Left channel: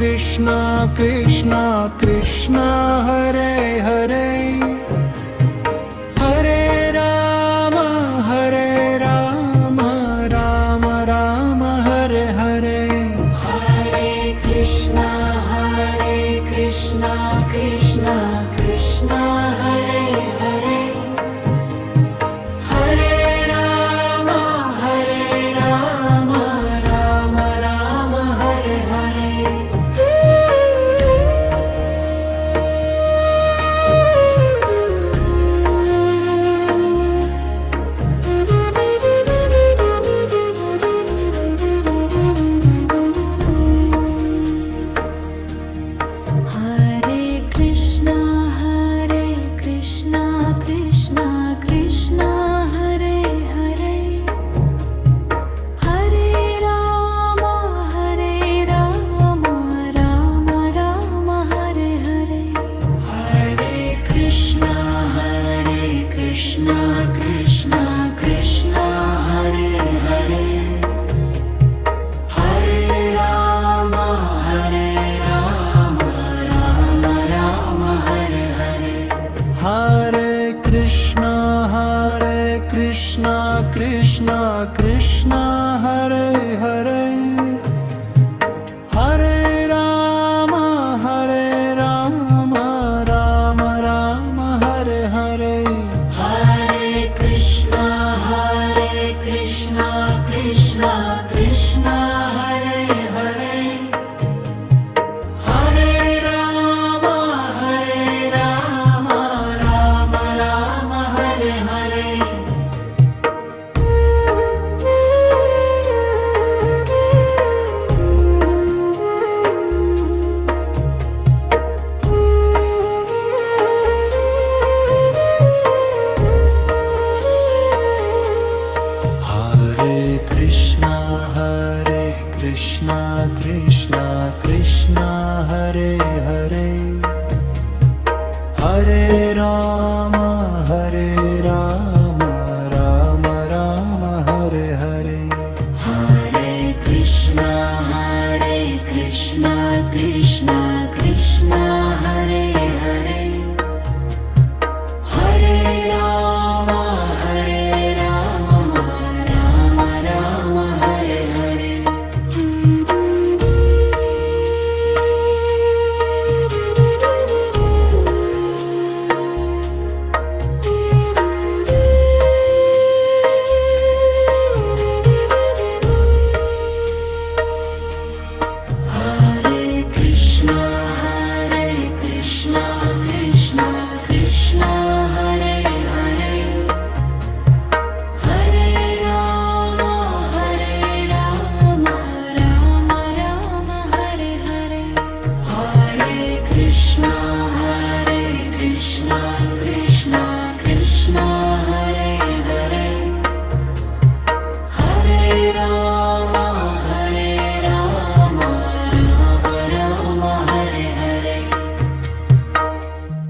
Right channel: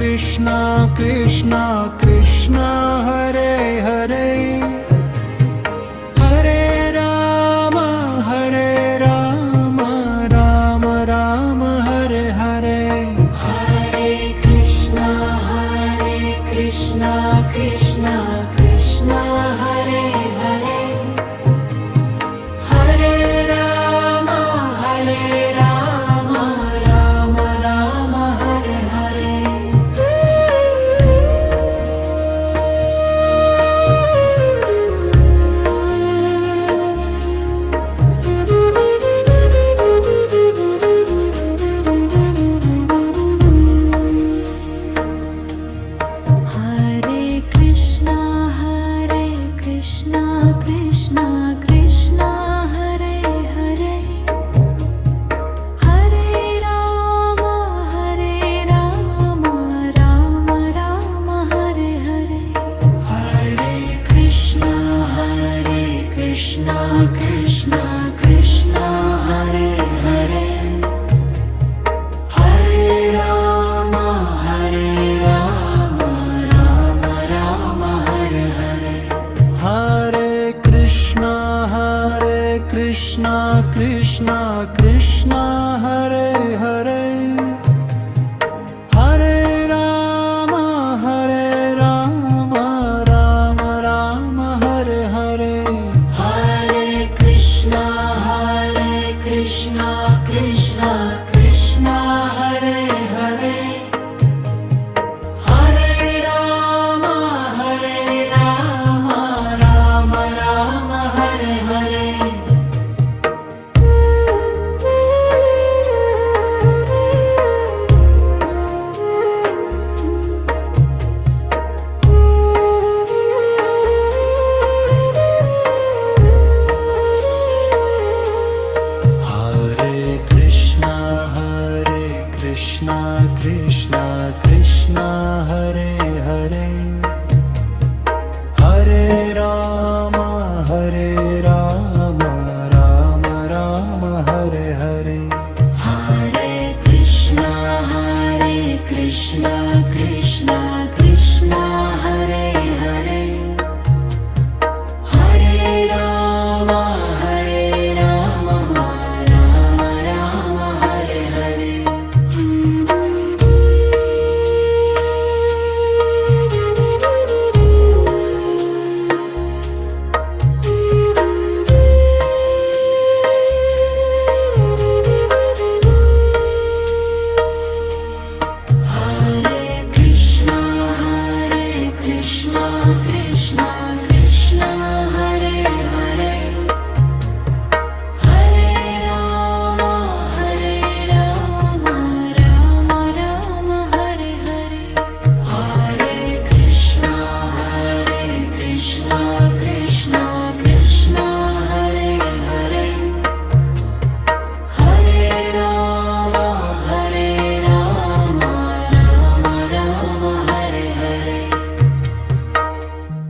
Krishna Krishna Krishna Hare Hare Hare Ram Ram Ram Hare Hare Hare Krishna Krishna Krishna Hare Hare Hare Ram Ram Ram Hare Hare Hare Krishna Krishna Krishna Hare Hare Hare Ram Ram Hare Hare Hare Krishna Krishna Krishna Hare Hare Hare Ram Ram Hare Hare Hare Krishna Krishna Krishna Hare Hare Hare Ram Ram Ram Hare Hare Hare Krishna Krishna Hare Hare Hare Ram Ram Hare Hare Hare Krishna Krishna Krishna Hare Hare Hare Ram Ram Ram Hare Hare Hare Krishna Krishna Hare Hare Hare Ram